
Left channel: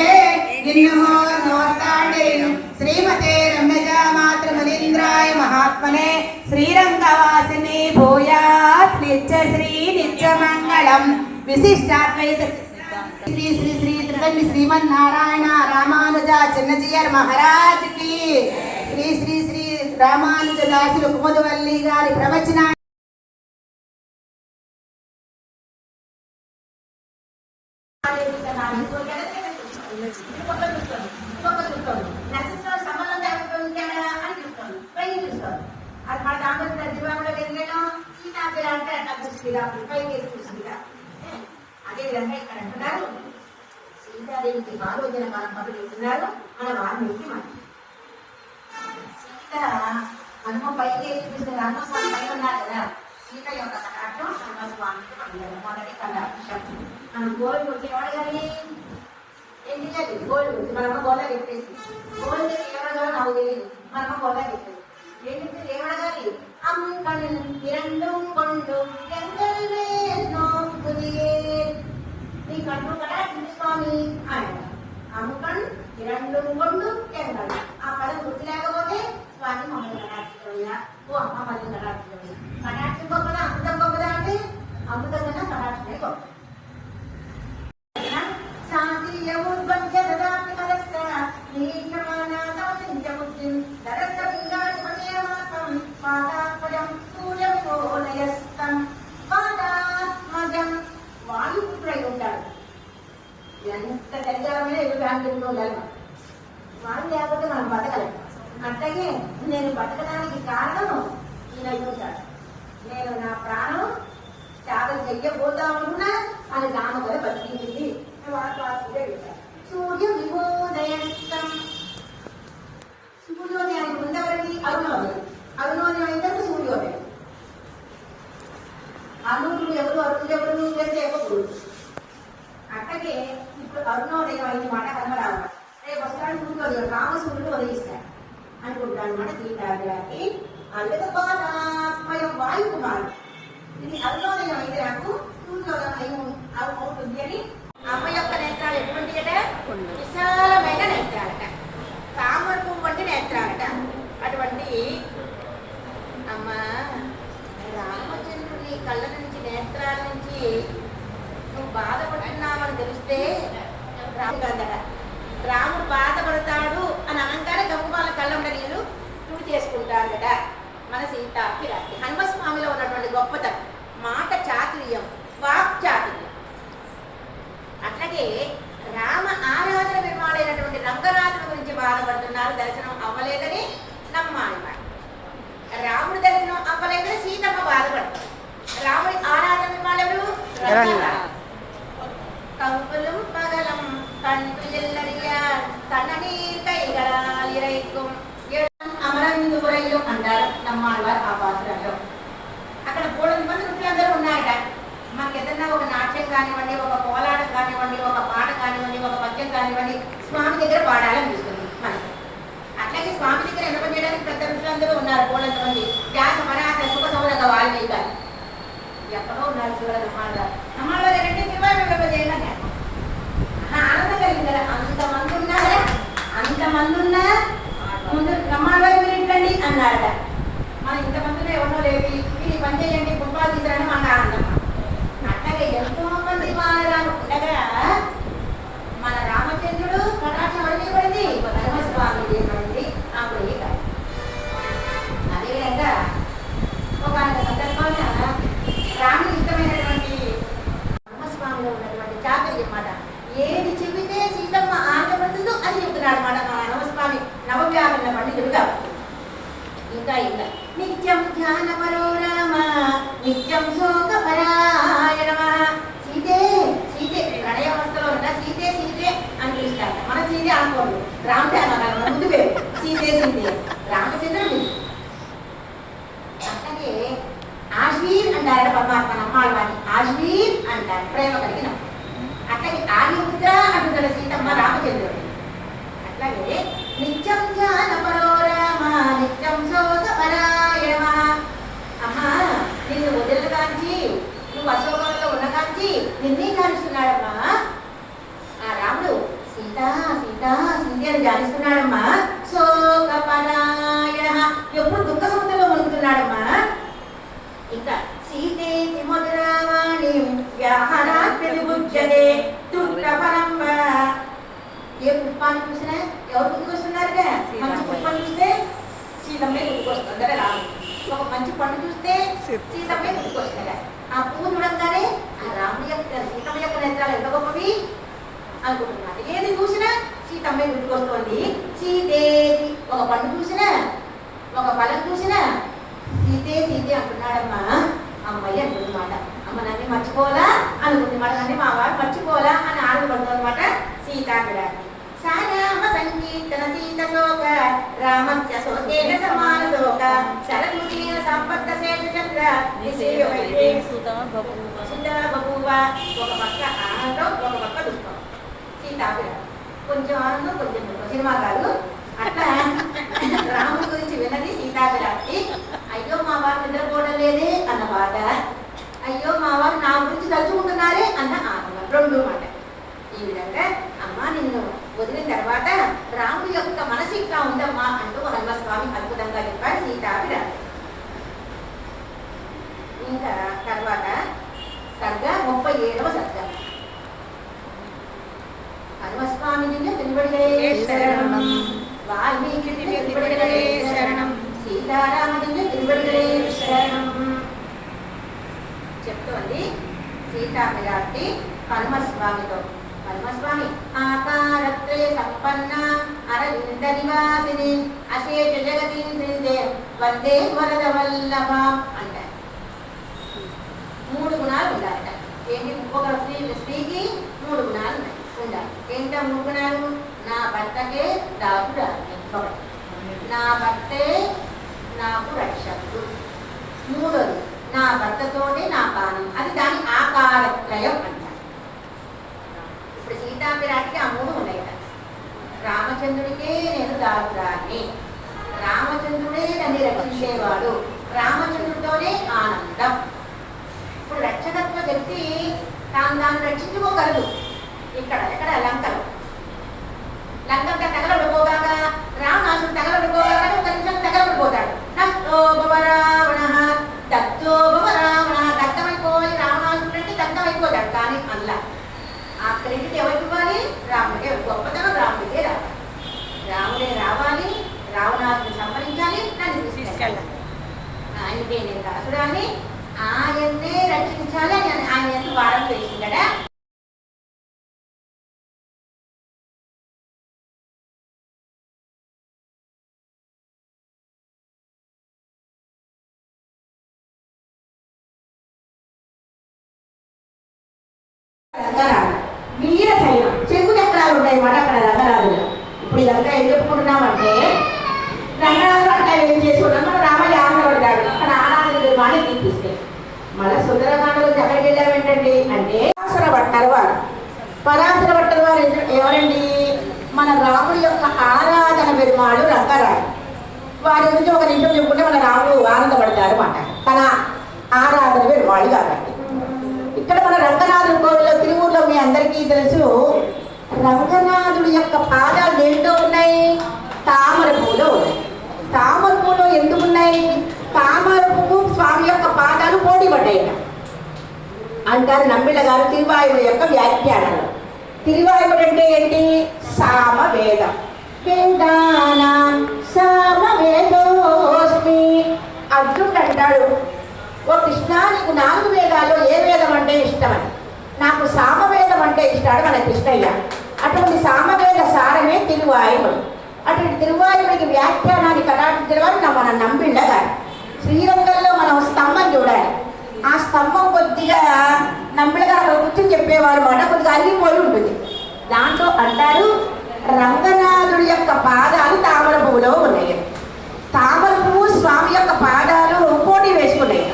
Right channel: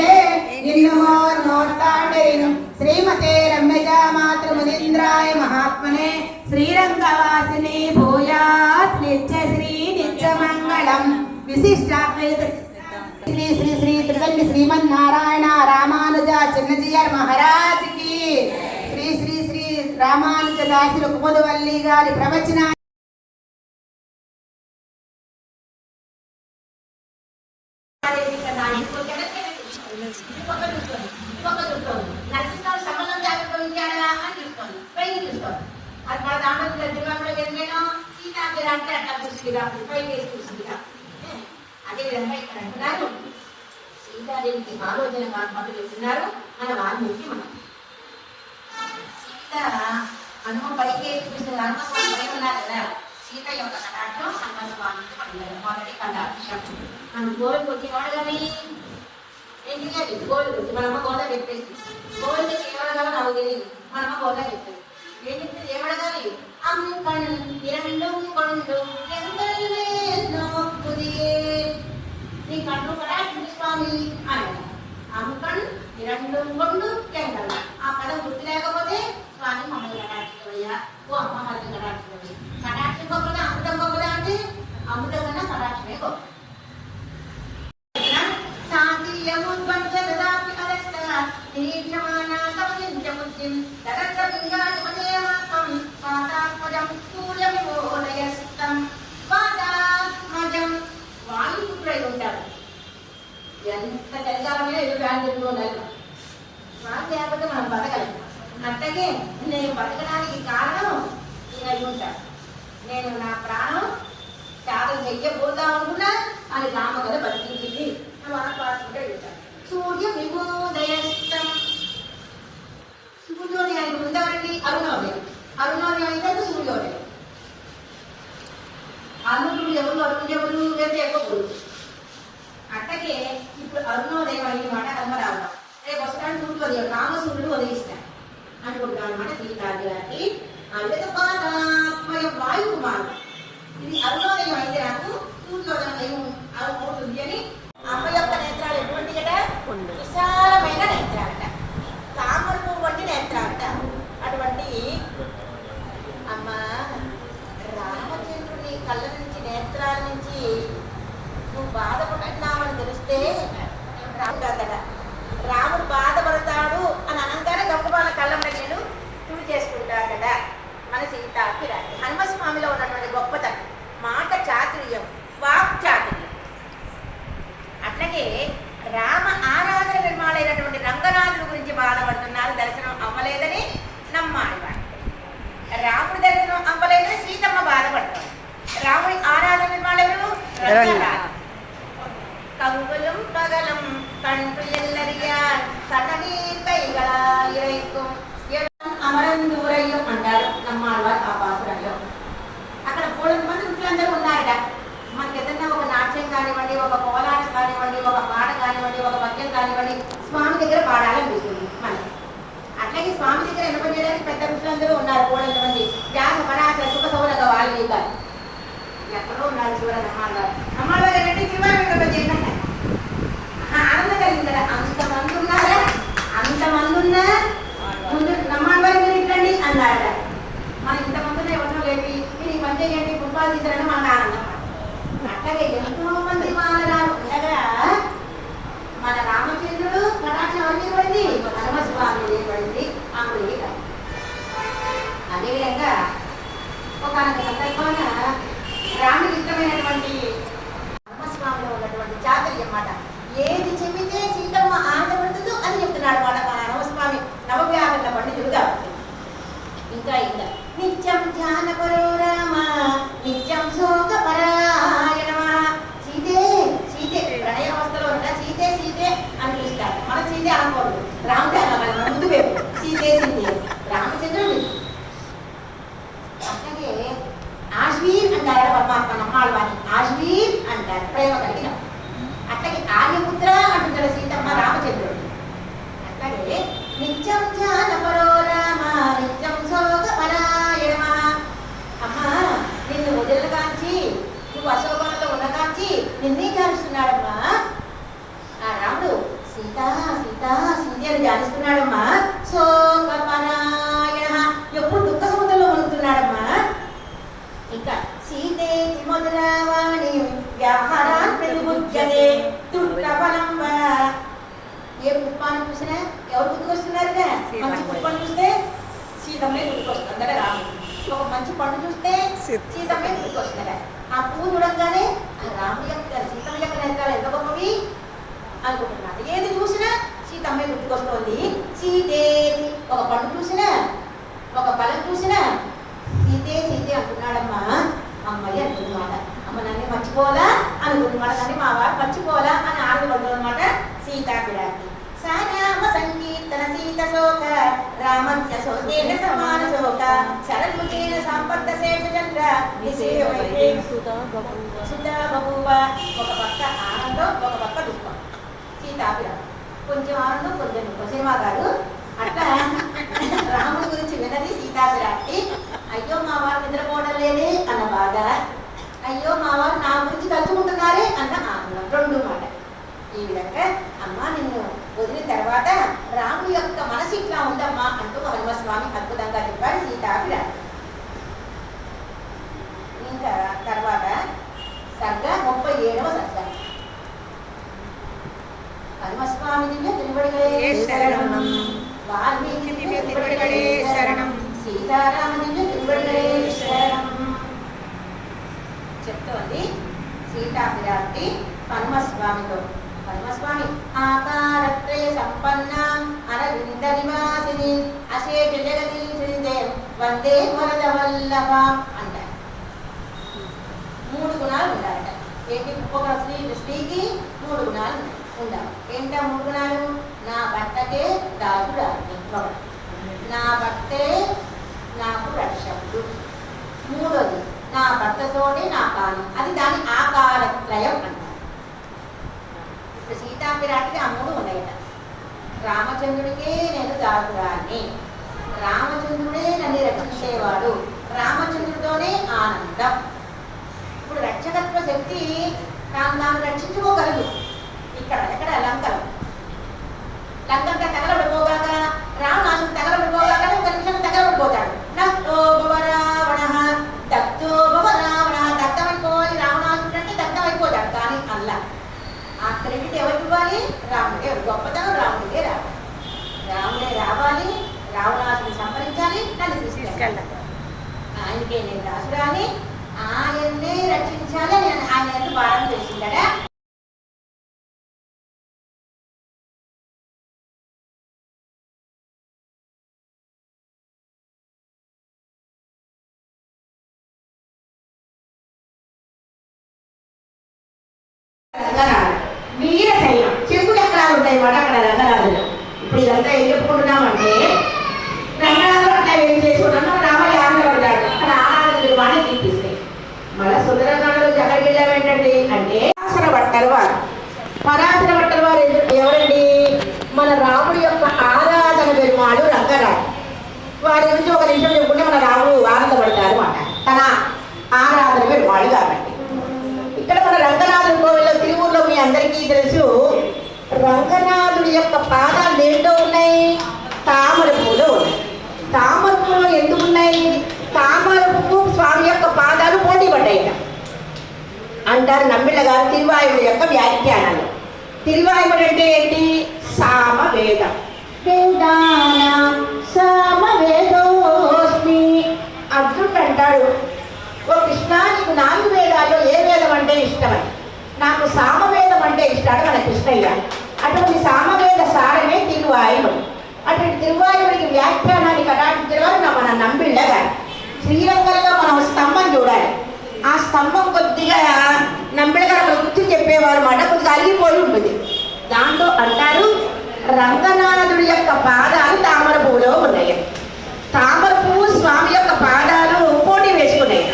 నిన్ను నోర్తాడేను శ్రీమతే రమ్యజా మాతృమదీంద్రాయ మహాత్మనే శ్రీరంగవాసిని భూయాత్ నిత్య శ్రీ నిత్యమంగళం విశిష్టాద్వైత శ్రీ శ్రీ శ్రీ త్రిదండి శ్రీమన్నారాయణ రామానుజ చిన్నజీయర్ మహారాజ్ కి శ్రీ శ్రీ శ్రీ రామానుజ దాసులు కుముదవల్లి గారి ప్రవచన అదే విధంగా ఇక్కడ అంటున్నారు సీతాదేవికి ఆలోచన మొదలు చెప్తున్నారు మన వాల్మీకి. మనం సీత మనము పైకి చూపిస్తుంది. హనుమస్వామి పైకి ఉన్నారు కదా. సీత యొక్క కటాక్షం హనుమస్వామికి పడినారు. మొదటి కటాక్షం మనం గోవింద వచ్చేవాడు కానీ ఏంటి అది గోవింద వచ్చి మనమ్మ గోదా చెప్పేసి గోవింద ఏమడగా నాకు తెలియదు. మనమ్మ గోదా చెప్పేది ఏం చెప్తే ఏమడగాలి అమ్మకణ్ ఇరండం కొండు ఎందెన్నో పుదియే నీ కన్ను కటాక్షించు స్వామి అని. అమ్మకణ్ ఇరండం కొండు ఎంగల్ ఆ కళ గుర్తు లేకపోతే స్వామి మమ్మల్ని కటాక్షించవయ్యా. ఓ అమ్మ మళ్ళీ కటాక్షించవయ్యా. కటాక్షం గొప్పదా అమృతం గొప్పదా అంటే అమృతం కన్నా కటాక్షమే గొప్ప. ఎంత చలికాలమే ఎదురు ఫ్యాన్ పెట్టుకోగలం. స్నానం లేకపోతే మనం బతకలేం. అట్లాగే నేను బతకడానికి కారణం ఈయన ఉంటాడు. నేను నా ప్రాణం త్యాగం చెయ్యబోతా అనుకున్నా అని రామ కదా బతికించింది. సూర్య విమోదయస్తం అరుణోదయం అయ్యమాట ధర్మరాజు. రేపు వస్తాడు సూర్యోదయం, కామసూర్యుడు ఉదయిస్తాడు అనుకుంటాను అనమాట. సీతాదేవి అద్భుతపాదాత్మయం వాయు కుమారు. ఇది అరుణోదయం అయితే నాకు సూర్యోదయం అవుతుంది అని. అమ్మ యొక్క నేత్రాలు ఎటువంటి అట? విశాలమైన నేత్రాలట, తామర పువ్వు వంటి నేత్రాలట. అటువంటి అమ్మ రామచంద్రుని కళ్ళ నుంచి, నేత్రాల నుంచి నువ్వు బాధపడుతున్నామని తెలిస్తే రాముడట, రాముడు బాధపడతాడు అని అనగానే గొప్ప కళ్ళంలో నేను తుడి చేసుకుంటాడట మన సీతాకి రాత్రి. హనుమస్వామిలో ఉన్నటువంటి గొప్పతనం మాట చాతుర్యం, వాక్ చాతుర్యం. అట్లాగే రామ ఆరాధన నిర్మాణమైనటువంటి రంగనాథుడి గురించి బాధపడుతున్నారు, దర్శనం అవ్వలేదని నమ్మాలి వాడు. రాముడి దర్శనం అవ్వలేదని సీతమ్మ బాధపడతాడు. రాముడి ఆరాధన నిర్మాణెవరు? కంకులం పగలం కంటు ఎల్లరియార్ కన్ననీర్ కైగళాల్ ఇరైக்கும் అమరందురయ్యం అంటారు నమ్మాలి వారు ఆ పాత్రలో. అక్కడ 300 మంది ఋషులందరూ ఉన్నారట. మనకి ఏదన్నా ఒక నాట్యం కానివ్వండి, ఒక కోలాటం కానివ్వండి, ఒక పాట కానివ్వండి, ఒక పద్యం కానివ్వండి, స్వామి దగ్గర పాడాలనిపిస్తుంది మనకి. అట్లాగే స్వామి దగ్గర ఎన్నపని చేయడానికి పెద్ద ఋషులందరూ ఉన్నారు 300 మంది. వ్యాస పరాశ సుఖ సౌనక వాళ్ళు కాదు, ఎక్కడో ఉన్నారు చూడండి. నమ్మాలి వారు ఏంటంటే తిరువారూరు చేయండి ఆనందం కలిగింది కదా. అంతమంది ఉన్నారా? అంతమంది ఉన్నా ముందు నమ్మాలి వారు మీరు ఇంటండి అన్నారట. మనం ఇంతమంది ఎవరినో లేపి మీరు పని చేయండి, పుష్పాలు తీసారని మన ఆనందం. అట్లాగే ఎంతో మంది మానరాము ఉండగా మన రామచంద్రుడు కటాక్షం అన్నీ పడింది, హనుమస్వామి పడింది. అప్పుడు అదేవిధంగా ఒక సందర్భంగా రాముడికి ఇష్టమైనటువంటి హనుమస్వామిలో ఉన్నటువంటి చాతుర్యం మాట, ఏది చెబితే సీతమ్మ ఆనందపడుతుందో అని చెప్తున్నాడు మాట మన హనుమస్వామి నవవ్యాకరణ పండితుడు కాబట్టి. ఇంకా ఇంకా నిత్యం ధ్యానపరో రామ నిత్యం శోకపరాయణమా. సీతే సీతే ప్రణయావస్థలో ఉన్న సీతే సీతే అని పిలుస్తారు. మన సీతే అనుకోండి, రాముడే అన్నారు మన ముందు పేరు సీతే సీతే రామచంద్రుడు. అట్లాగే ఆశ్వీర్ అంటారు పరమాత్మ నమ్మాలి వారిని, ఆశ్వీర్ అంటారు ప్రేమ కలిగిన. అట్లాగే ఆర్యపుత్ర అంటున్నారు సీతమ్మ రామచంద్రుడు. అట్లాగే నిత్యం ధ్యానపరో రామ నిత్యం శోకపరాయణమా. అమ్మా నిన్ను వదిలిన కాంచి, నువ్వు అశోకంతో ఉన్న కాంచి నిన్నే ధ్యానిస్తున్నాడమ్మా ఆ రాముడు. సీత సీత సీత అని ధ్యానిస్తున్నాడమ్మా. శోకపరాయణ ఎప్పుడు దుఃఖ సముద్రంలో మునుగుతున్నాడమ్మా. ఇంకా సీతేతి మధురావాణి వ్యాహారాన్ ప్రతిబుజ్యతే దుఃఖఫలం. ఏ పుష్పాన్ని చూసినా ఎవరు గుర్తుకొస్తున్నారు? మంచి పుష్పాన్ని చూస్తే సీతమ్మే గుర్తుకొస్తుంది కదా రాముడు. ఒక మంచి పండు చూస్తే సీతమ్మే గుర్తుకొస్తుంది కదా. ఆ పువ్వు చూడంగానే ఆ రాముడి యొక్క సీతమ్మ యొక్క నేత్రాలు ఎంత గొప్పవి అనుకుంటున్నారు. ఏది చూసినా సీతమ్మే గుర్తుకొస్తుంది. సీతేది ఒక పండు చూసినా, ఒక ఫలం చూసినా సీతే సీతే అంటున్నాడమ్మా. అమ్మాయి అంటున్నమాట. అమ్మ నన్ను మర్చిపోవాలా అనుకుంటున్నాడు, నన్ను మా వారు మర్చిపోవాలా అని ఆనందపడుతుంది అనమాట సీతాపిరాటి. సారామ సంకీర్తన సీత శోక రామస్య శోకేన సమాన శోక శరముఖేన సంపత్త శేషచంద్ర సుధా బభూవ. ఒక పక్క ఆనందం, ఒక పక్క దుఃఖం సీతాపిరాటి. కొంచెం ఆనందం, కొంచెం దుఃఖం. సినిమా కాదు అట్లా రాముడి గురించి విన్నది సీతాపిరాటి. అయ్యో మా వారు నిద్రపోవడం లేదే అన్న బాధ, అయ్యో మా వారు నా గురించి తలుచుకుంటున్నారే అన్న ఆనందం, రెండు మాట. ఈ విధంగా అమ్మ నిన్ను వదిలిన తర్వాత రాముడి యొక్క మనసు ఇట్లా ఉందమ్మా అంటూ హనుమస్వామి అద్భుతంగా చెప్పాడు సీతాపిరాటి. ఇంకా తర్వాత సర్గ 37వ సర్గ. హనుమస్వామి దివ్య తిరువడిగలే శరణం, వాల్మీకి దివ్య తిరువడిగలే శరణం, సీతారామ దివ్య తిరువడిగలే శరణం చెప్తోంది సీతాపిరాటి హనుమస్వామితో. హనుమస్వామి ఆకారత్రయ సంపన్న అరవింద నివాసిని అశేష జగదీశ్వరిదే వందే వరద వల్లభ అంటారు. 3 గుణాలు ఉండాలట. ఏంటి? ఒక స్త్రీకి 3 గుణాలు ఉండాలి. ఏంటా 3 గుణాలు? నా భర్తకే దాసుడు, నా భర్తే నాకు రక్షకుడు, మూడోది నా భర్తతోనే నా కాని. అది దాని ఆకారత్రయం అంటారు. ఇప్పుడు సీతా విరాట్కి ఆ మూడు ఉన్నాయట. రామచంద్రుడికే నేను దారుదాన్ని, రామచంద్రుడే నన్ను రక్షించేవాడు, రామచంద్రుడితోనే ఆనందం. ఇప్పుడు రక్షకత్వ శక్తి తాను రక్షించుకోగలదు. ఇక్కడ ఎక్కడ లంకలో లంకంతా తగలబడిపోగాక, రావణాసుడు తగలబడిపోగాక ఒక నిమిషం తగలబడిపోతాడు. నష్టో భవ రావణ, దత్తో భవ రావణ, దత్తమైపోవాలి రావణాసుడు అంటే దత్తమైపోతాడు. కానీ అల్లా ఆ క్రెడిట్ ఎవరికి ఇవ్వాలి? రాముడే. గొప్పతనం రాముడికే రావాలి. రాముడే రావాలి, రావణాసుని సంహరించాలి, నన్ను తీసుకెళ్ళాలి. ఆయనకే నేను దాసురాని, ఆయన్నే రక్షించాలి అని ఆయన ఎంత వారం చేసిందడా. వీర శైలం చెరుకు చక్రాలు ఉంటాయి అన్నమాట అక్కడ రంగనాథుల్లో. ఇప్పుడు ఇదంతా ఏం చెప్పుకుంటున్నామంటే రంగనాథులు అట్లా ఏం చేసుకుంటాం, మన రామయ్య ఆనందపడతాడు, అక్కడ ఆనంద వాణి తీపిస్తాయి. మళ్ళీ సుందరకాండలో ఎక్కడికి వెళ్ళాం ఏంటండి అంటే పరాశర భట్టర్ వారు. పరాశర భట్టర్ వారు ఎవరండి? మన రాముడి యొక్క ఆరాధన పెరుమాడు రంగరాడు. వారి గురించి ఒక నిమిషం చెప్పుకుంటే మన రాముడు ఆనందపడతారు అన్నమాట, తన ఆరాధన పెరుమాడు కాబట్టి. ఇక్కడ మన రంగనాథుడి కోవిల్లో తిరువూరులో మీ అందరికీ తెలుసు, రంగనాథుడి యొక్క పాదాలు దేంట్లో ఉన్నాయి? తామర పూలు ఉన్నాయి. తామర పూలు ఎందుకు ఉన్నాయి? తామర పువ్వు స్వామి యొక్క పాదాలు పోటీ పడ్డాయి అంటారు నమ్మిళ్ళ గారు తిరువాయుడు యొక్క వ్యాఖ్యానాలు. తిరువాయుడు అంటే ఏంటి? సామవేదం. వేదానాం సామవేదోస్మి. అర్జునుడు అంటాడు, ఓ కృష్ణ నీకు 4 వేదాల్లో ఏ వేదం అంటే ఇష్టమని. నాకు సామవేదం అంటే ఇష్టాడు మన కృష్ణయ్య. అటువంటి సామవేద సారమే తిరువాయుడు. అటువంటి తిరువాయుడికి వ్యాఖ్యానాన్ని కటాక్షించిన వారు మన నంబిళ్ళ గారు. శ్రీరంగంలో మనం స్తంభం చూడాలి, ఆ స్తంభం కొద్దిగా నంబిళ్ళ గారు అక్కడ కూర్చొని చెప్పేవారు అన్నమాట, కొద్దిగా అల్లిపోయి ఉంటుంది. దాంట్లో అంటారు రంగనాథుడి యొక్క పాదాలు తామర పువ్వులో ఉన్నాయి. తామర పువ్వు స్వామి యొక్క పాదాలు పోటీ వేసుకున్నాయి.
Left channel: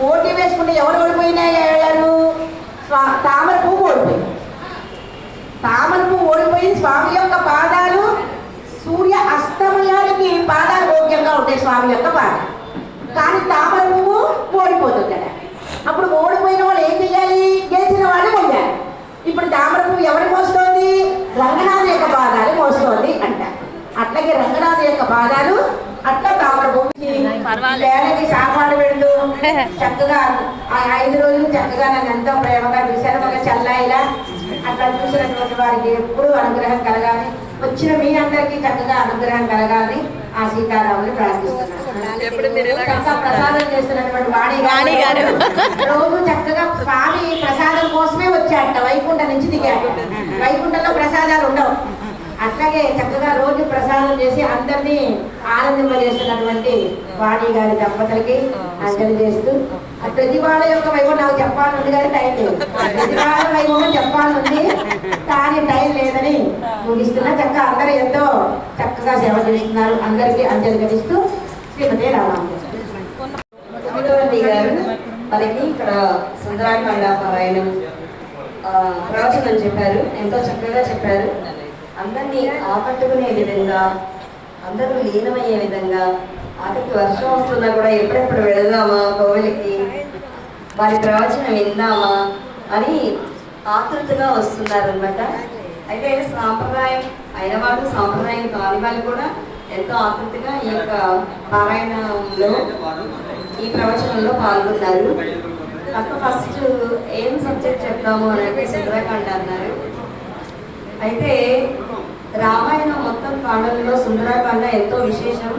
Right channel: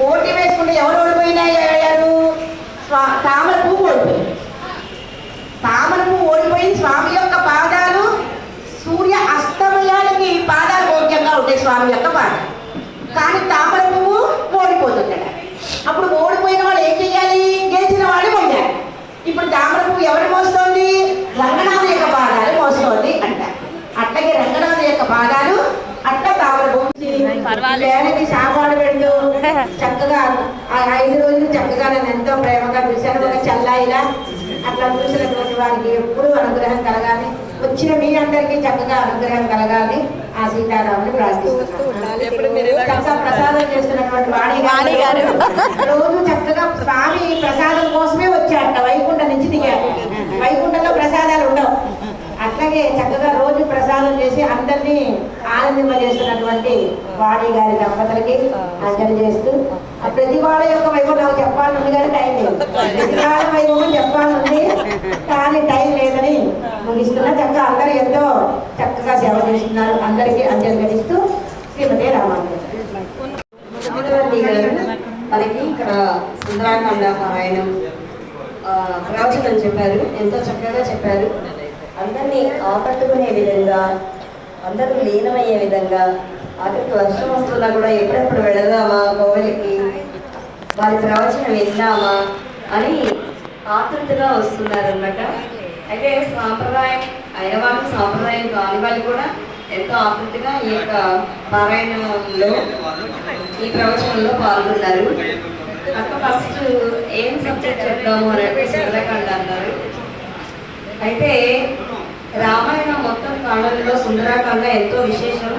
పోటీ వేసుకుంటే ఎవరు ఓడిపోయినారు? తామర పువ్వు ఓడిపోయింది. తామర పువ్వు ఓడిపోయి స్వామి యొక్క పాదాలు సూర్య అస్తమయానికి పాదాలు భోగ్యంగా ఉంటాయి స్వామి యొక్క పాదాలు. కానీ తామర పువ్వు ఓడిపోతుంది. అప్పుడు ఓడిపోయిన వాళ్ళు ఏం చేయాలి? గెలిచిన వాళ్ళు పోయాలి. ఇప్పుడు తామర పువ్వు ఎవరు మోస్తోంది? రంగనాథు యొక్క పాదాలు మోస్తోంది అంట. అట్లాగే రంగనాథు యొక్క పాదాలు అట్లా తామర పువ్వు వేళకి సాపాడు వెళ్ళు చక్కగా 5 రోజులు చక్కగా నన్ను ఎంతో ప్రేమగా చూశాను. ఒక చల్లాయిలా అట్లా చూసినటువంటి వారికి ఎప్పుడు అనుగ్రహం కలగాలి. వచ్చిన మీ అందరికీ చక్కగా అనుగ్రహం కలగాలి. ఆ సీతారాముని ప్రార్థిస్తున్నాను. చక్కగా ప్రసాదం చేస్తున్నటువంటి వాణి గారు రోజు చక్కగా స్వామి ప్రసాదం కోసమే వచ్చాట. వైకుంఠం నుంచి దిగాడు. వైకుంఠంలో ప్రసాదాలు ఉండవు. అట్లాగే చక్కగా రోజు ప్రసాదం చేసి అందరినీ ఆనందింపజేస్తున్నటువంటి వాణి గారి దంపతులకి అంజలి చేస్తూ, ప్రతి వాళ్ళ యొక్క వైపు నాకు చెప్పాలనుంది కానీ టైం లేదు. ప్రతి వాళ్ళ వైపు చెప్పాలనుంది కానీ టైం లేదని ముగిస్తున్నా. చక్కగా అందరూ ఎంతో చక్కగా సేవ చేస్తున్నారు. అందరికీ అంజలి గడిస్తూ శ్రీమతి రామాంజలి గారు మనకి ఇక్కడ సుందరాకాండ పారాయణం ప్రవచనం చెప్పారు. ఎంతో చక్కగా చెప్పారు. అందరినీ ఆకట్టుకునే విధంగా, అందరూ లీనమయ్యే విధంగా, ఆఖరికి వర్షం వస్తున్నా కూడా ఎప్పుడెప్పుడు వెళదామా కోవిలికి, వారి ప్రవచనం విందామా అని ఆతృతగా వస్తున్నారనమాట. అయితే సాంప్రదాయం అయిన వాళ్ళు, సాంప్రదాయం కాని వాళ్ళు కూడా ఎంతో ఆతృతగా ఈ యొక్క పారాయణంలో, ఈ ప్రవచనంలో పాల్గొన్నారు. అక్క ఫస్ట్ ఏం సబ్జెక్ట్ చెప్తాము అని అంటే సుందరకాండ అన్నారు. అయితే రామాయణం మొత్తం కాండలలో సుందరకాండ ఎంతో విశేషం,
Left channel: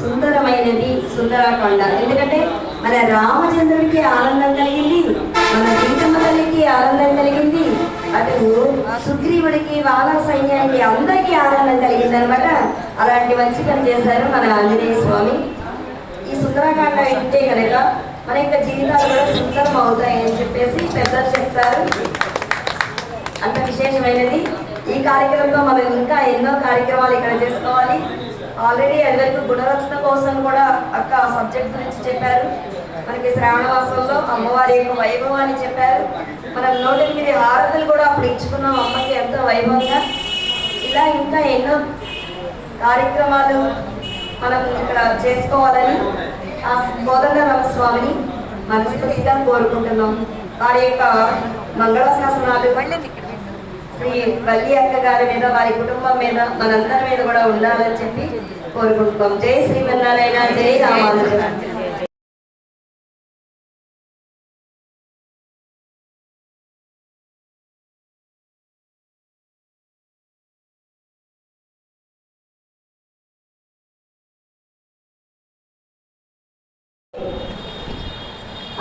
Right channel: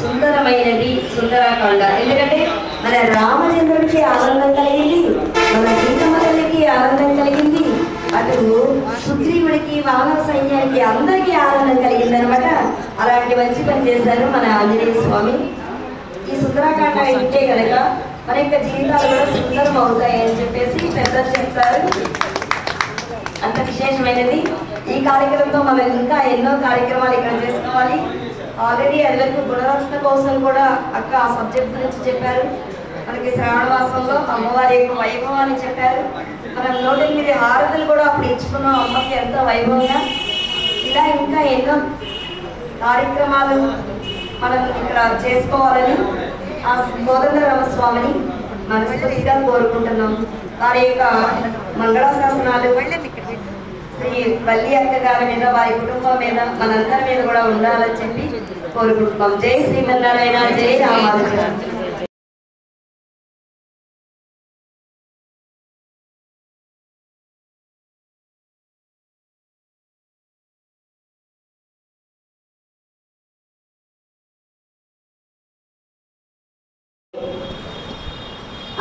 సుందరమైనది సుందరకాండ. ఎందుకంటే మన రామచంద్రుడికి ఆనందం కలిగింది, మన సీతమ్మ తల్లికి ఆనందం కలిగింది, అటు సుగ్రీవుడికి, వానర సైన్యానికి అందరికీ ఆనందం కలిగింది అనమాట. అలాంటి మంచి పని చేశారు మన ఆంజనేయ స్వామి. ఈ సుందరకాండ ఇంటే కనుక మన యొక్క జీవితాలు కూడా సుందరం అవుతాయి అని చెప్పేసి పెద్దలు చెప్తారు. అంత విశేషమైనది ఈ కార్యక్రమంతో మనం ఇంకా ఎన్నో కార్యక్రమాలు ఇక్కడ చేసుకోవాలి. ఆల్రెడీ అందరికీ గుణరత్న కోసం కూడా అక్క ఆ సబ్జెక్ట్ గురించి చెప్పారు. మనకి శ్రావణ మాసంలో అమ్మవారి యొక్క వైభవాన్ని చెప్పారు. మనం 108 హారతులు కూడా అప్పుడు ఇచ్చుకున్నాం అమ్మకి ఎంతో వైభవంగా. ఇలా ఇంకా ఎన్నో కార్యక్రమాలు మనం ఇక్కడ చేసుకోవాలని ఆ కోదండరామస్వామిని మనస్ఫూర్తిగా కోరుకుంటున్నాం. వారి యొక్క మంగళాశాసనాలు శ్రీ వల్లి అక్క గారి మీద, వారి కుటుంబం మీద, మనందరి మీద కూడా ఉండాలని చెప్పి కోరుకుంటున్నాం. జై శ్రీమన్నారాయణ, జై రామానుజ.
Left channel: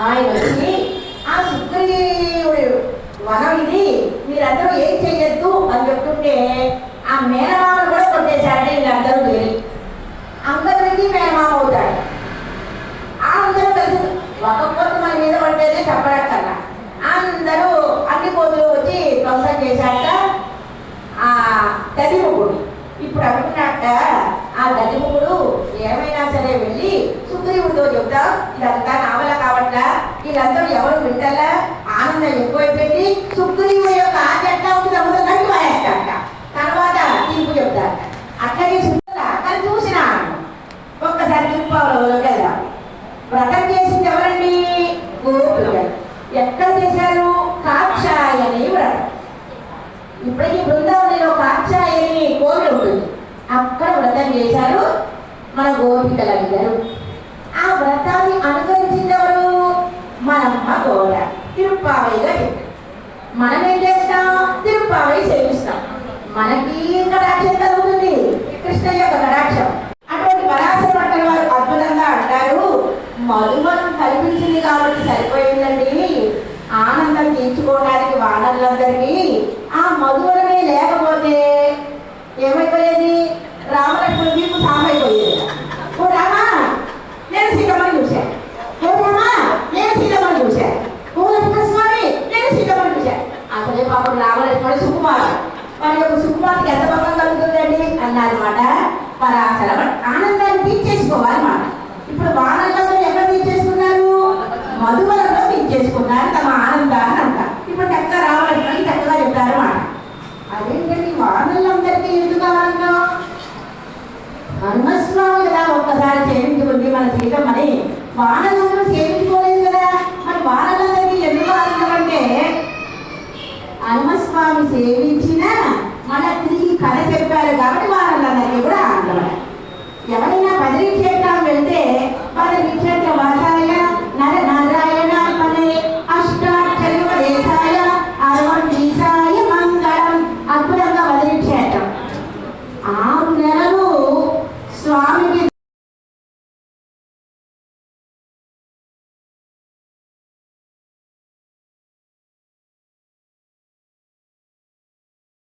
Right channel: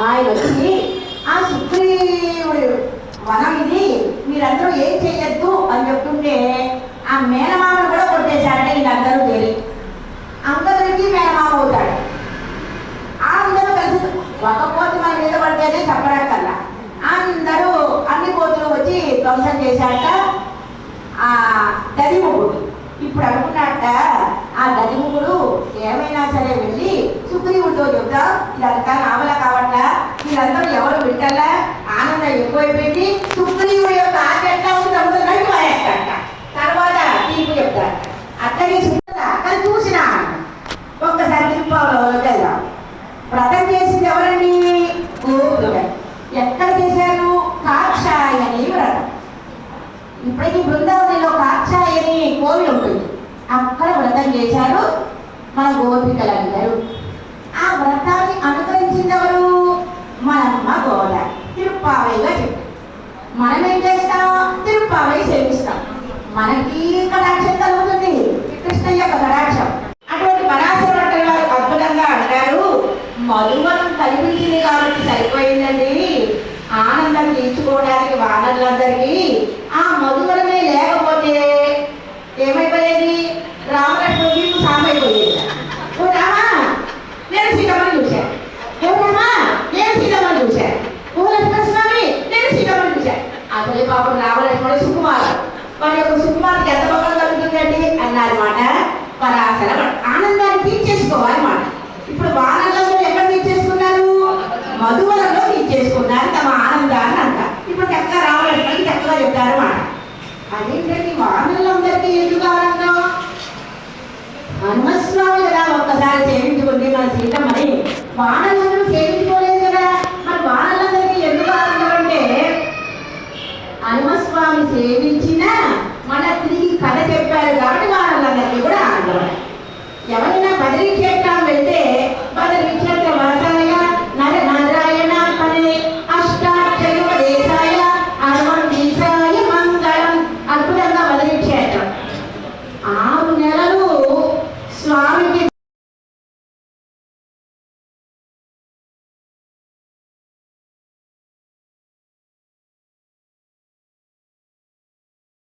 ఆయన వచ్చి ఆ సుగ్రీవుడు వనం ఇది, మీరందరూ ఏం చెయ్యొద్దు అని చెప్తుంటే ఆ మేనమామను కూడా కొట్టేశాడంటే వీళ్ళందరూ వెళ్ళి అందరికి మేనమామ అవుతాడు. అందరూ కలిసి ఒక్కపోతే మన మీద పడితేనే చెప్పడక్కల్లా అందరూ అన్ని కోతులు వచ్చి ధ్వంసం చేశాక ఆ దదిముఖుడు ఇప్పుడు అనుకున్నాక ఆ దదిముఖుడు ఏమైనా సరే వెళ్ళి సుగ్రీవుడితో చెప్తా, ఇదంతా నావల కావట్లా, వీళ్ళందరూ ఎవరు వింటారా, ఆనందం ఎక్కువైపోయింది, సుగ్రీవుడి యొక్క ఆజ్ఞ ఎట్లా ఉంది అమ్ముడు నడిపాయట. తర్వాత తీర్పు చెప్తారు. అక్కడికి అక్కడ చూసిన ఒక్కసారి తిరుపతిలో కదా వ్రతం చేసింది ఎవరండి? గోపిక. ఎక్కడ చేశారు? కాక్షాయని వ్రతం. ఇప్పటికీ బృందావనిలో కాక్షాయని కోవిలు ఉంటుంది, అక్కడ వ్రతం చేశారు మన గోపికలందరూ. ఆ వ్రతాన్ని అనుసరించింది ఎవరు? మనమ్మ గోడ. తిరుప్పావైగా చెప్పారు. మనం ఏం చేస్తాం? తిరుప్పావై సేవిస్తాం. మనకి కటాక్షం కలుగుతుంది, కృష్ణయ్య యొక్క కటాక్షం. అటువంటి పరాశర భట్టర్ గారు అద్భుతంగా అంటారు, మధువనం కల్పించింది కాబట్టి సరిపోయిందండి, ఆనందం తీర్చుకోవడానికి వానరులందరికీ ఆ మధువనమే లేకపోతే ఏమైపోయేది? రామలక్ష్మణ మీకు సామైపోయేది. ఓ రామా నేను సీతమ్మని చూశాను, ఓ రామా నేను సీతమ్మని చూశాను, ఓ లక్ష్మణస్వామి నేను సీతమ్మని చూశాను. అసలే పాపం రామలక్ష్మణ సుకుమారుడు, మన యొక్క సుకుమార్తెకి ఎంత పక్కన కలుగుతుందండి అన్నారన్నమాట. పరాశర ఆనందాన్ని తీర్చేసుకోవాలన్నమాట. ఇప్పుడు వానరులందరూ ఎక్కడ తీర్చేసుకున్నారు? మధువనంలో తీర్చేసుకున్నారు తమ ఆనందాన్ని అంట. ఇప్పుడు చక్కగా రామలక్ష్మణకి చక్కగా చెప్తారు మాట. అదేంటండి వానరులందరికీ ఎందుకు ఆనందం? హనుమస్వామి కదా ఒక్కసారి సేవించుకుంది మన సీతమ్మని, వానరులందరూ సేవించుకోలేదు కదా. మరి వానరులందరికీ ఎందుకు ఆనందం అంటే హనుమస్వామి సేవించిన మన తిరిగి కథ చెప్పారు కాబట్టి వానరులందరికీ కూడా ఆనందం. ఎవరైనా బదిలీ